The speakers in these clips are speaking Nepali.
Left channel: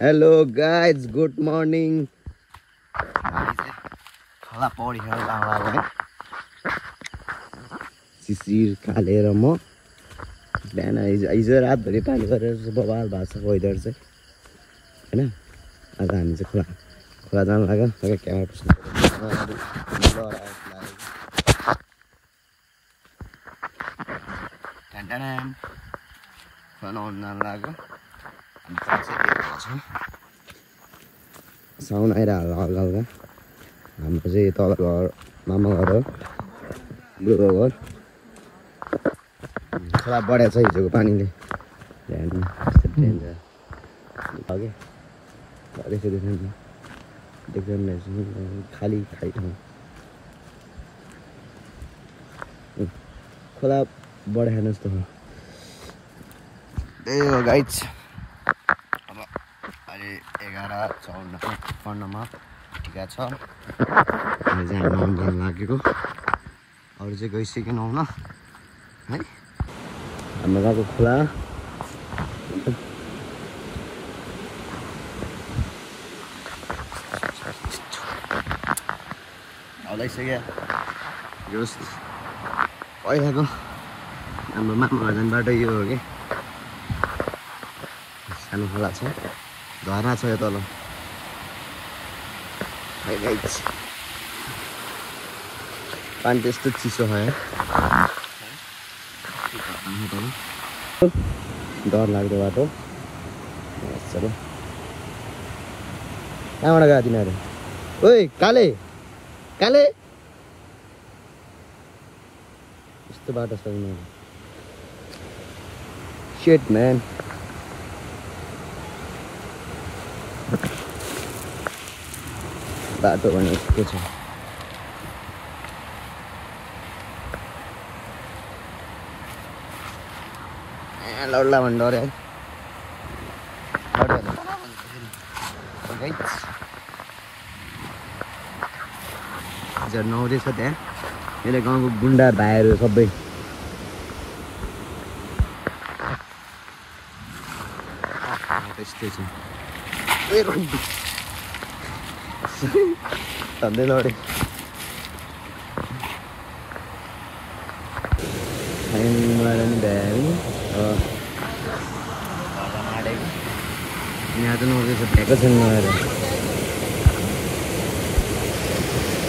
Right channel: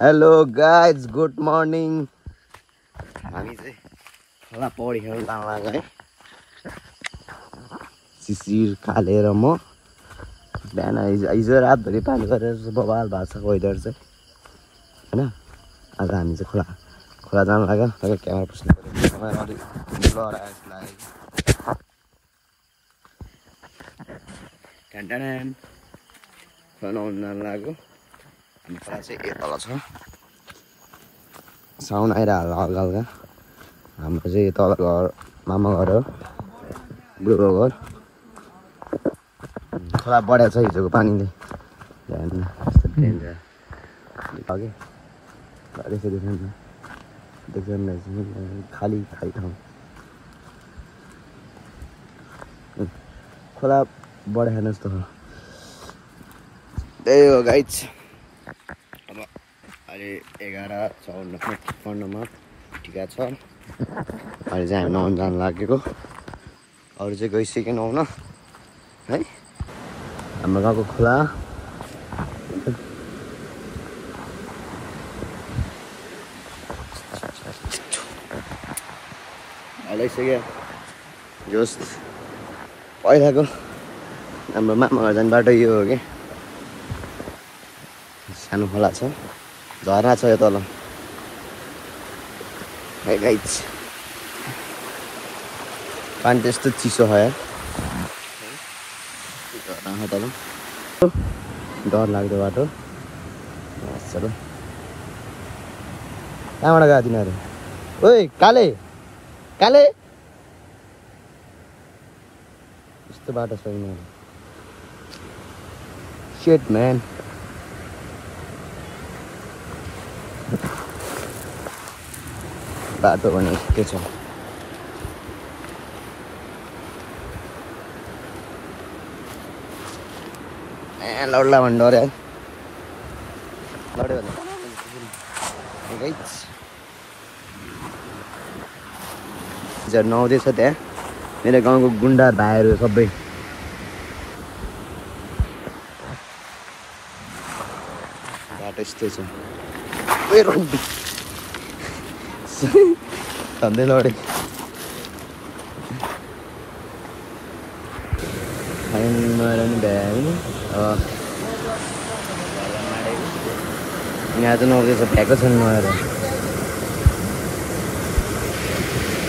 हेलो गाइज गुड मर्निङ खोला पौडी खेल्न जाँदा है शिशिर खालेर म बिहान हिजो रातभरि पानी गरेर बवाल भएको छ वेदर चाहिँ होइन आज हामी चाहिँ खोला जानु लाग्यो क्यामेरा पुस्नु बनाउनु जानु लाग्यो हामी चाहिँ एकल छ साउन आइरहल्ला हल्का हल्का हाम्रो चाहिँ तल घर मामा घर हो बुढो घर खोला बढेको छ हिजोको पानीले खाली खाली ठाउँ खोला बढेन जस्तो हो त्यही हो गाइज अब अहिले 11:54 ठिका छ अहिले चाहिँ हामी नुहाउनु जानु लागेको अरू चाहिँ गइसक्यो नुहाउन है हाम्रो गाउँको खोला हलाइसक्यो जस पहिलाको हाम्रो मामा घर जाने बाटो यो हो कि सानो खोला छ झरना छ यो तल पानी त्यस्तो चिसो छ यार तल डर लाग्दो बाटो चलो कहाँबाट गयो तिनीहरू ओइ काले काले यस्तो बाटो छ यिनीहरू शिट म्यान बाटो भने के छ लड्ला भन्नु डर नुहाउँदैछ त्यहाँ मेरो गाउँको गुन्डा भाइहरू सबै बाटो यस्तै छ भन्दैन अरे यहाँ त नआउँदैछ भ्याएको छैन नआएर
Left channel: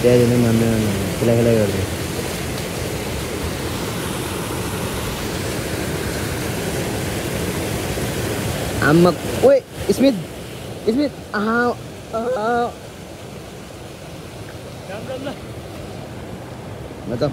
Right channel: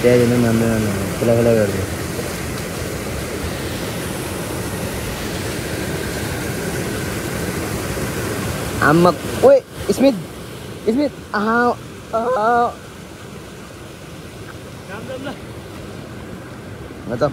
त्यहाँदेखि मान्दैन खुला खुला गर्दै आम्मा ओए स्मिथ स्मिथ मतलब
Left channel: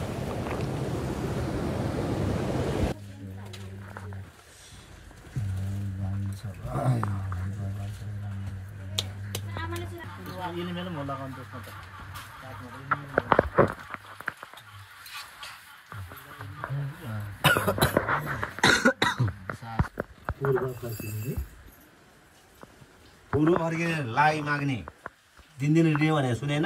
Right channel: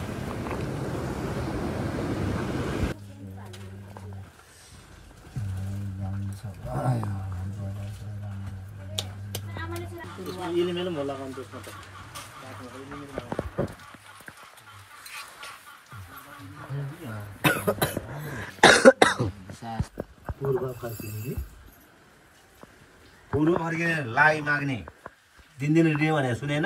पूर्व फर्किने लाई माग्ने दिन रियो भने सुनेन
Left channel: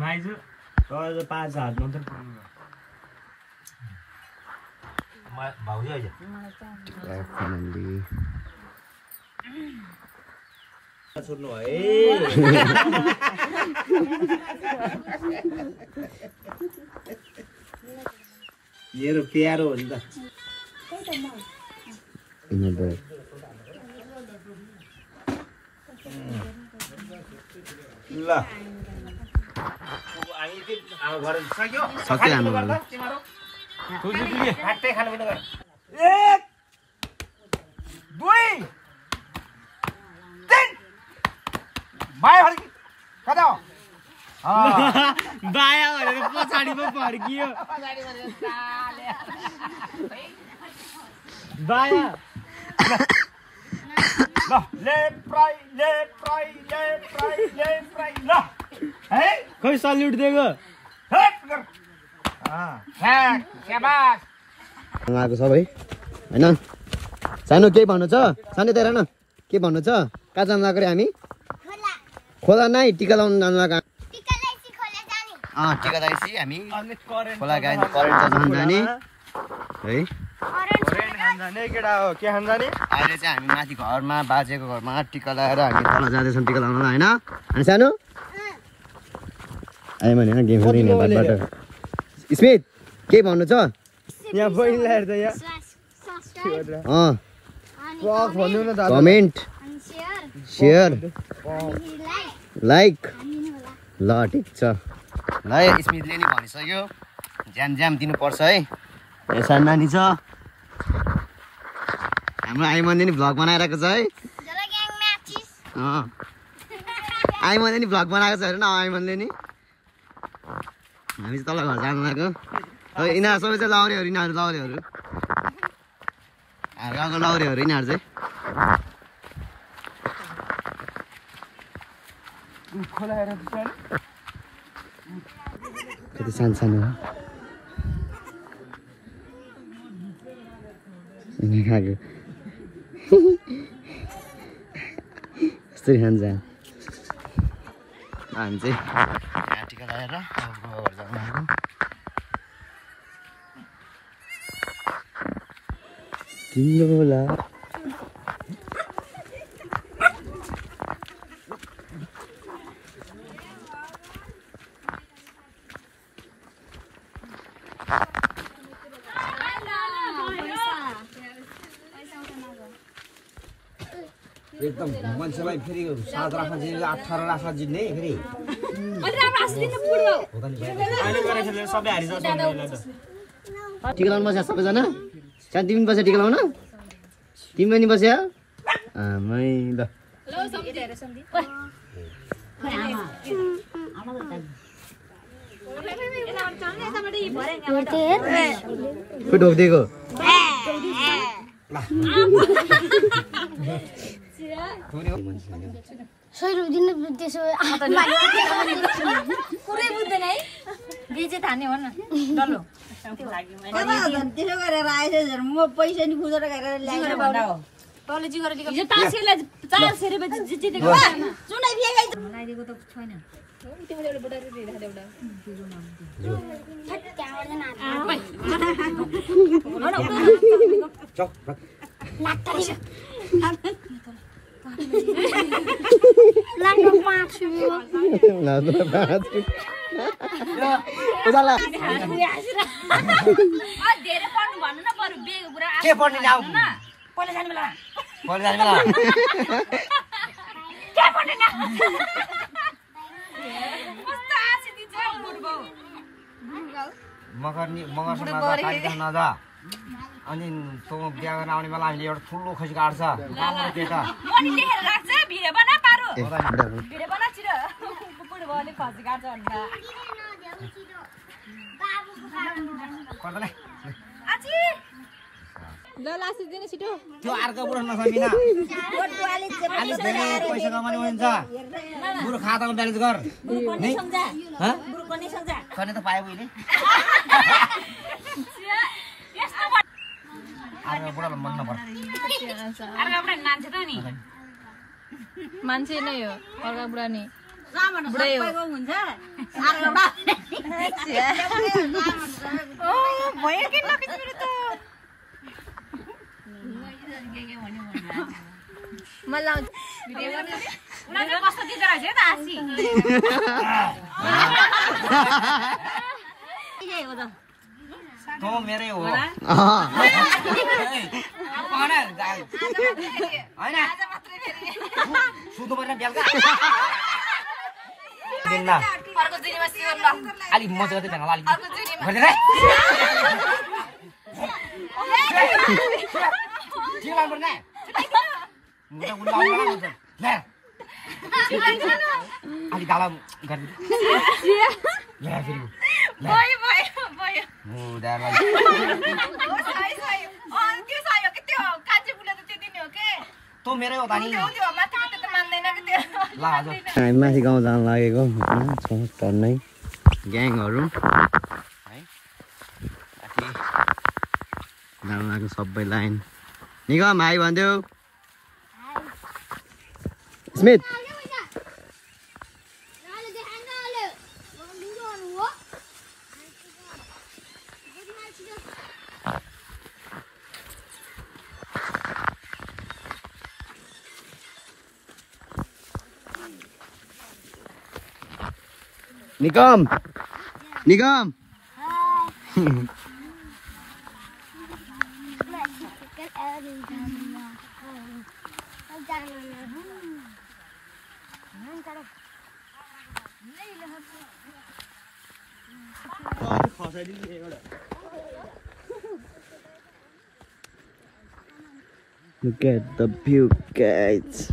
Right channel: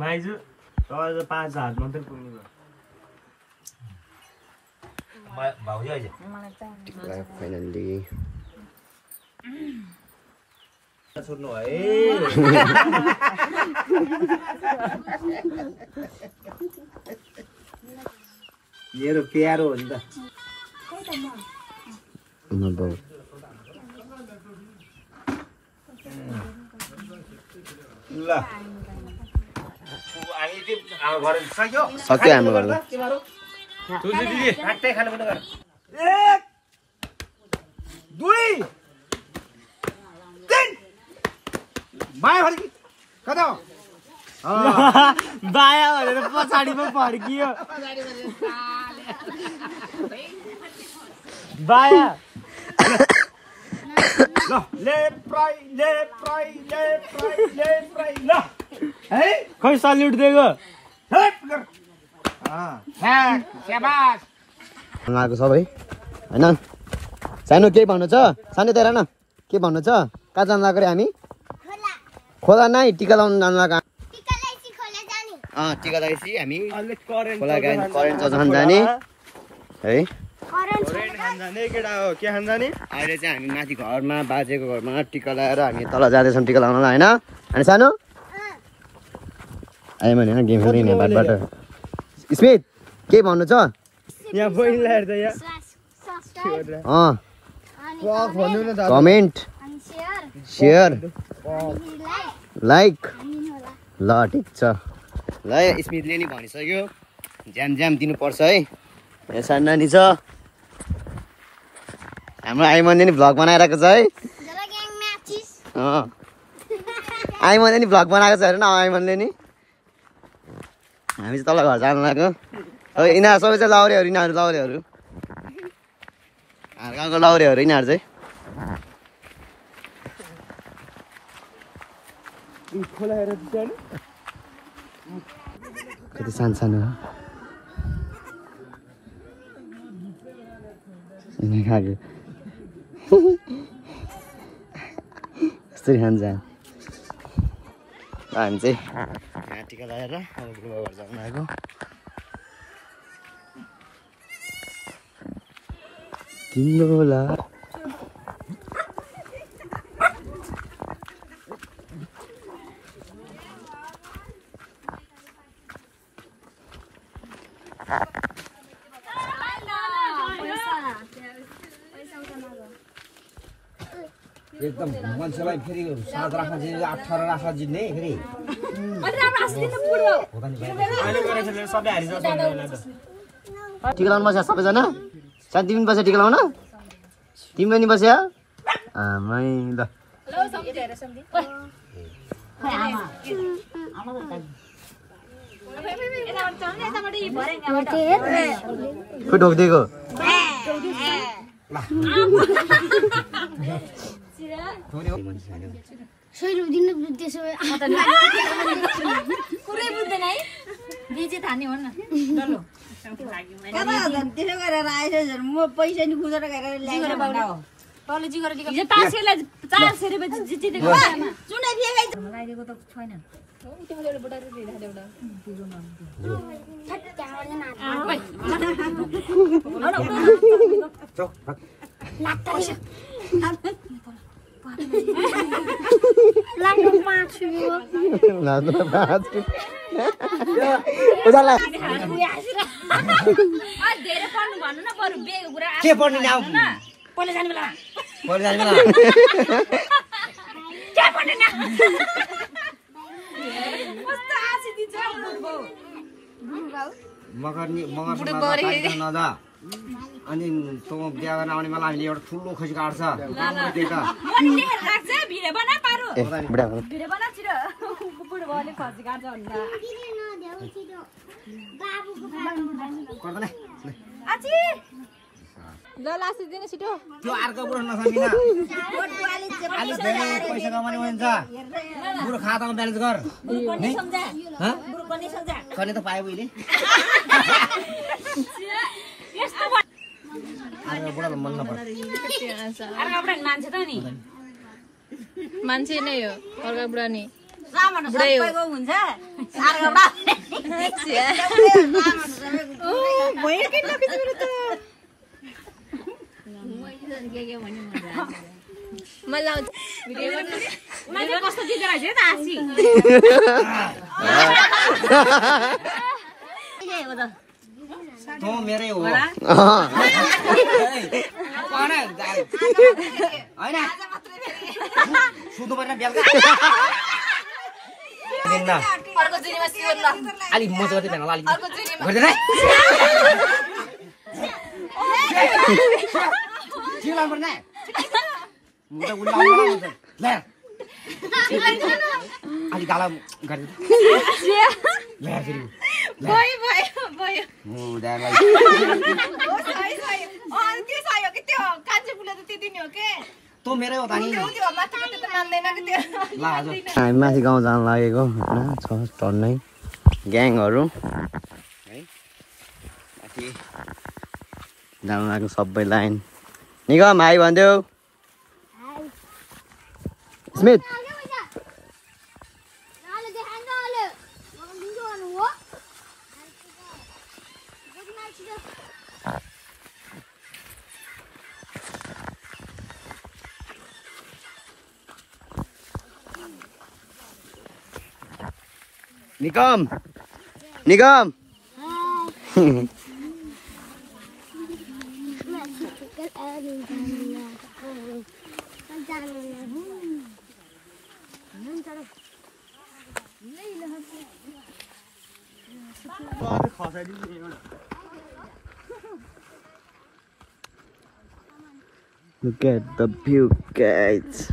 माइजु 5,000 मात्रै पुग्नु भाउजू अहिले छोड्नु है मेरो प्यारो हो नि त ल सक्यो हाम्रो घरमा 1 2 3 बाया फर्की कता हो बाया भनेर पछाडि पो फर्कियो बाया ल लेफ्ट राइट ल है खै सल्युट दिएको आएको सबै होइन सानो केही भन्नु छ सानो तेरा न के भन्नु छ कहाँ जानु लाग्यो रे हामी खोला नै टिका लाउनु जानु लाग्यो टिका लगाएपछि हामी खोला गए करेन्ट चलाउन जाने है अहिले चाहिँ हामी माथि घरमा बाजेको घरमा टिका लगाएर हामी तल जाँदैछौँ टिका लगाउनलाई होइन अनि सानो आयो भने गेम खेल्दै नेपालबाट स्मित के भन्नु छ कमेन्ट सेयर लाइक ल ठिक छ ल स्मितले नि भनिसक्यो ज्याम ज्याम दिनुपर्छ है सानो नानी छ हाम्रो आइमनले नि भ्लग बनाइरहेको छ है आइमनले नि भ्लग बनाएको छ हेर न आइमनले नि हामी चाहिँ तल घर जानु लाग्यो यिनीहरू सबै चाहिँ लाउरेहरू यिनीहरू लाउरेहरू हाम्रो गाउँको लाउरेहरू यिनीहरू चाहिँ कति सानो सानो खाएको यस्तरी खान्छ हामी चाहिँ यहाँ टिका लगाएर बुबा घर जानु आएको तिम्रो ला एकदम मान्छेलाई फेरि 7 राखा जित्ने 18 राखा जित्ने फेरि टिका लाउनु बस्यो सबैजना सानो तिमी बस्यो टिका लाउन तिमी पनि बस्यो आमै ल को ढोकिदिएको पुरै बुझ्दैन है बेचे थाने हो न डल्लो त्यसो गरेर आएछ म पैसा नि खुजेर गएर ल्याएर बाउरा हो तले जिगर लिएको यो 400 रुपैयाँ जितेको चुनाइ बिहेको लगाइदिएको त छैन तिमीले एउटा बुढा दिदा एउटा धेरै पढ्नु भन्नु न बरु बेग कुरा के पढ्ने नाउ पहिले जानु बेला पढ्ने जानु बेला के पढ्ने नाउ कस्तो आसी दिन्छ बुढबौ मगर नजा अनि तँ बिहा गर्न आउने बेला हामीले एउटा ठुलो खसी काट्छ मनी लेखेर राख्छ भिडियो बना पारो भिडियो बना छिर बुढबौले खसी काट्छ भन्नु गर्दैन आची ल लास्ट दिने छिटो त्यो अर्को बुढो नसकिन अलि धेरै पैसा कमाउने हुन्छ बुढो खातामा ब्यालेन्स गर बुढो पनि सम्झा खने त पाए मैले यस्तो अर्को बुढोलाई मन नपर्छ अर्को बुढा मान्छे त नि मान्छे नै हो अर्को बुढा नि बुढै हो हुन्छ अर्को बुढा ओ भयो के नकिछु त मलाई भिडियो उनीहरुले कस्तो गीत गाइछ त आसी तँ मेरै हो होइन सुत्नु पर्ने बेलुका दिनमा अर्को जुनीमा सिउन ल अलिक मजा गर्दै भेला अलिक अर्को जुनीमा गर्दैन है ठिक लाग्नु पर्ने म त उनी आउनु ल अलिक गाला गर्दै ल फेरि भयो भयो हो दालाई हो सही सही त्यो सही हो कि त्यो कान्छे फुले त त्यति नै हो के तँ मेरै हो त नि त्यो माथि त मान्दैन कि त्यो ल आज हामी माथि गाउँ जानु लागेको छ टन्नै ग्याङहरू है माथि जानु लाग्यो सबै लाइन निगम हाई भनिदेऊ Smit Nikam Nikam Look at the view, guys.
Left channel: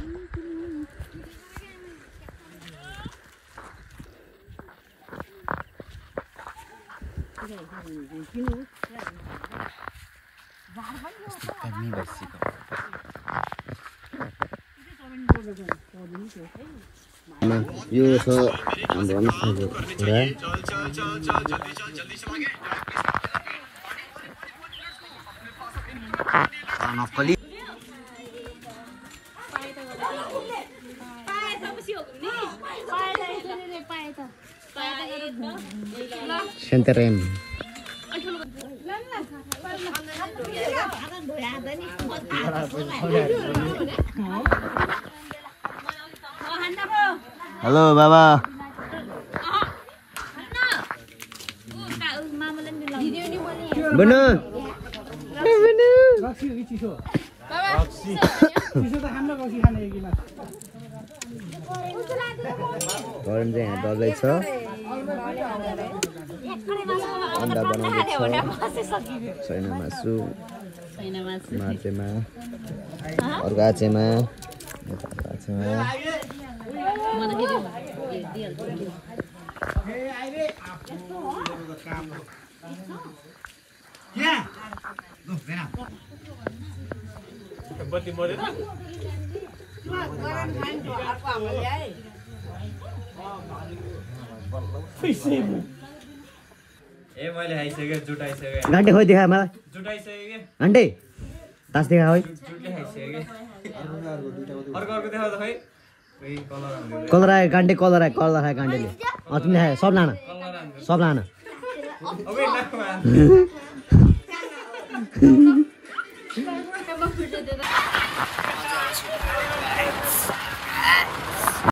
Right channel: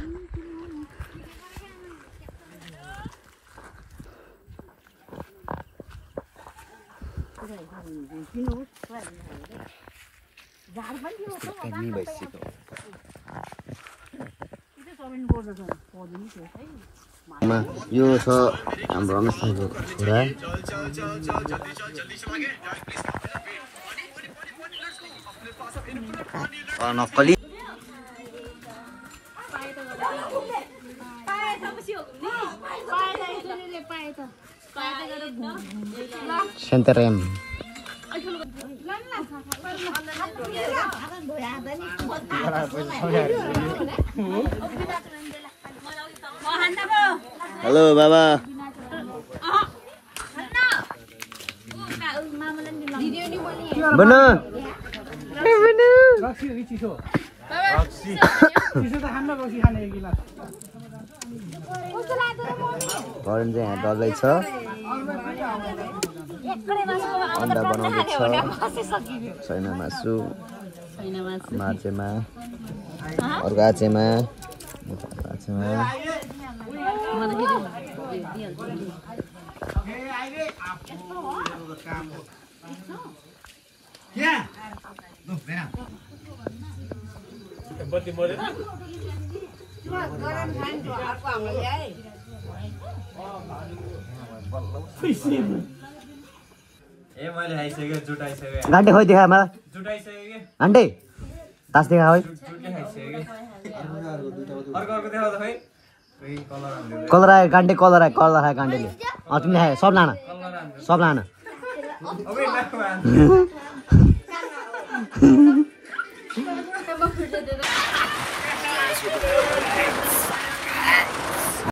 यो छ हाम्रो अनुसारको कुरा नक्कली सेन्टरेम हेलो बाबा बनु भरन चाहिँ यहाँ डल्दैछ अन्डा बनाउँदैछ छैन मासु मार्चेमा अर्को आचेमा घन्टे खोइ देखा मलाई घन्टे तास देखा खोइ कलर आयो घन्टे कलर आयो घन्टेले तिमीले खायो सब लाना